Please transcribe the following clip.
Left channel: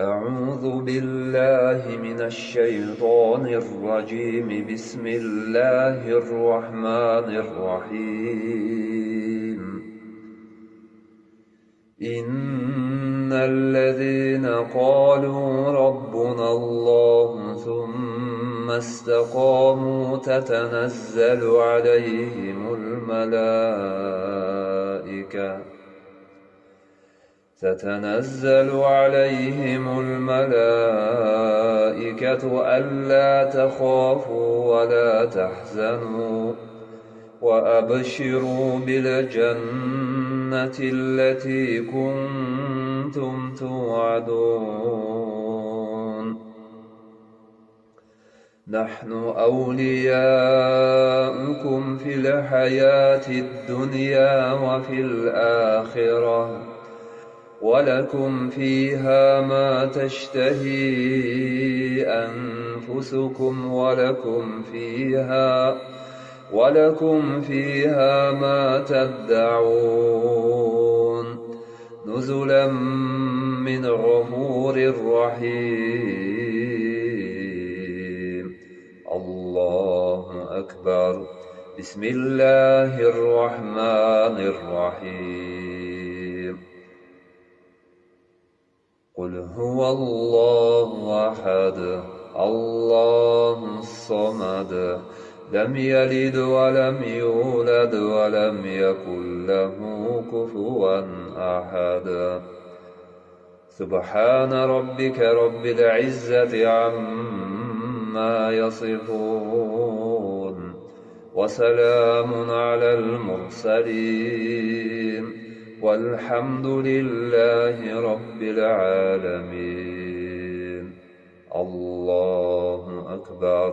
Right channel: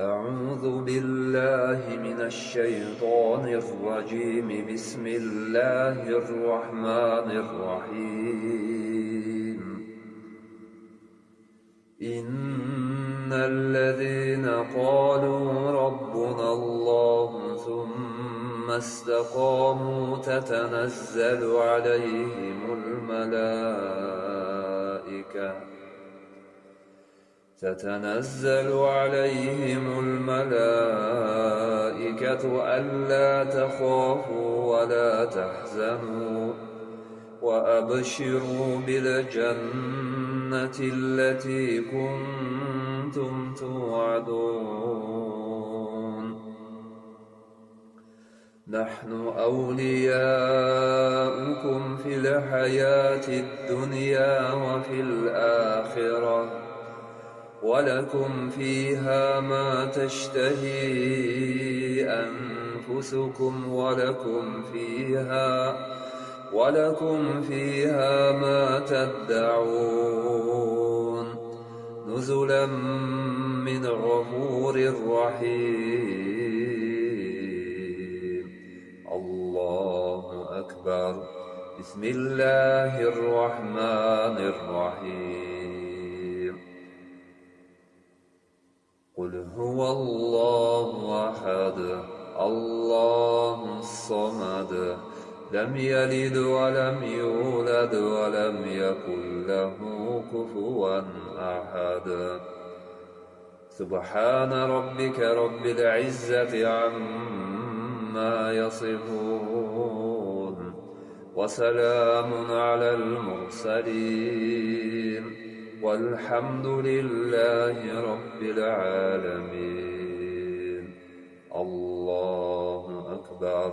أعوذ بالله من الشيطان الرجيم. بسم الله الرحمن الرحيم. إن الذين قالوا ربنا الله ثم استقاموا تتنزل عليهم الملائكة ألا تخافوا ولا تحزنوا وأبشروا بالجنة التي كنتم توعدون. نحن أولياؤكم في الحياة الدنيا وفي الآخرة، ولكم فيها ما تشتهي أنفسكم ولكم فيها ما تدعون، نزلا من غفور رحيم. الله أكبر. بسم الله الرحمن الرحيم. قل هو الله أحد الله الصمد لم يلد ولم يولد ولم يكن له كفوا أحد. سبحان ربك رب العزة عما يصفون، وسلام على المرسلين، والحمد لله رب العالمين. الله أكبر.